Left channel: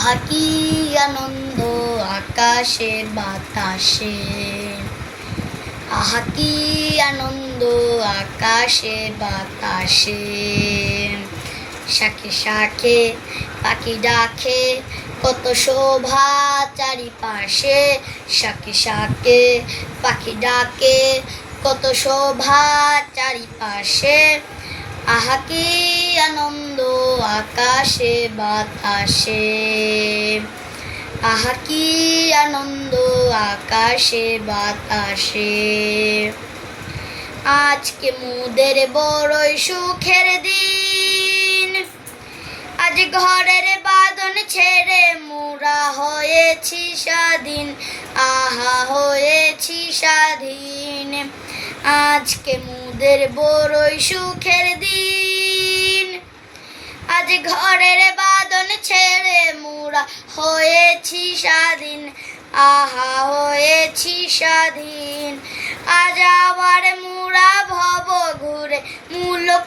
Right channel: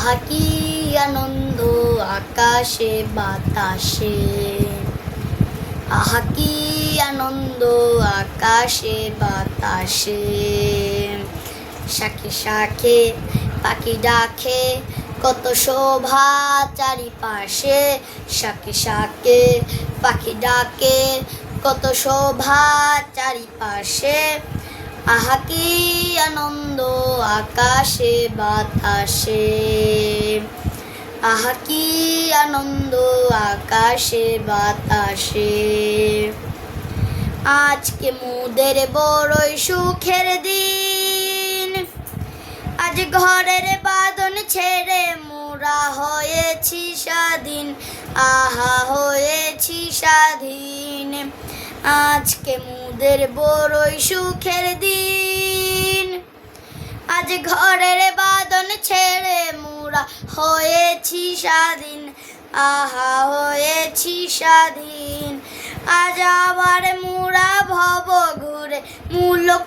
আহা কি আনন্দ আকাশে বাতাসে, আহা কি আনন্দ আকাশে বাতাসে। শাখে শাখে পাখি ডাকে, কত শোভা চারিপাশে। শাখে শাখে পাখি ডাকে, কত শোভা চারিপাশে। আহা কি আনন্দ আকাশে বাতাসে, আহা কি আনন্দ আকাশে বাতাসে। আজকে মোদের বড়ই সুখের দিন, আজ ঘরের বাঁধন ছেড়ে মোরা হয়েছি স্বাধীন, আহা হয়েছি স্বাধীন। আজকে মোদের বড়ই সুখের দিন, আজ ঘরের বাঁধন ছেড়ে মোরা হয়েছি স্বাধীন, আহা হয়েছি স্বাধীন। আজ আবার মোরা ভব ঘুরে মুলক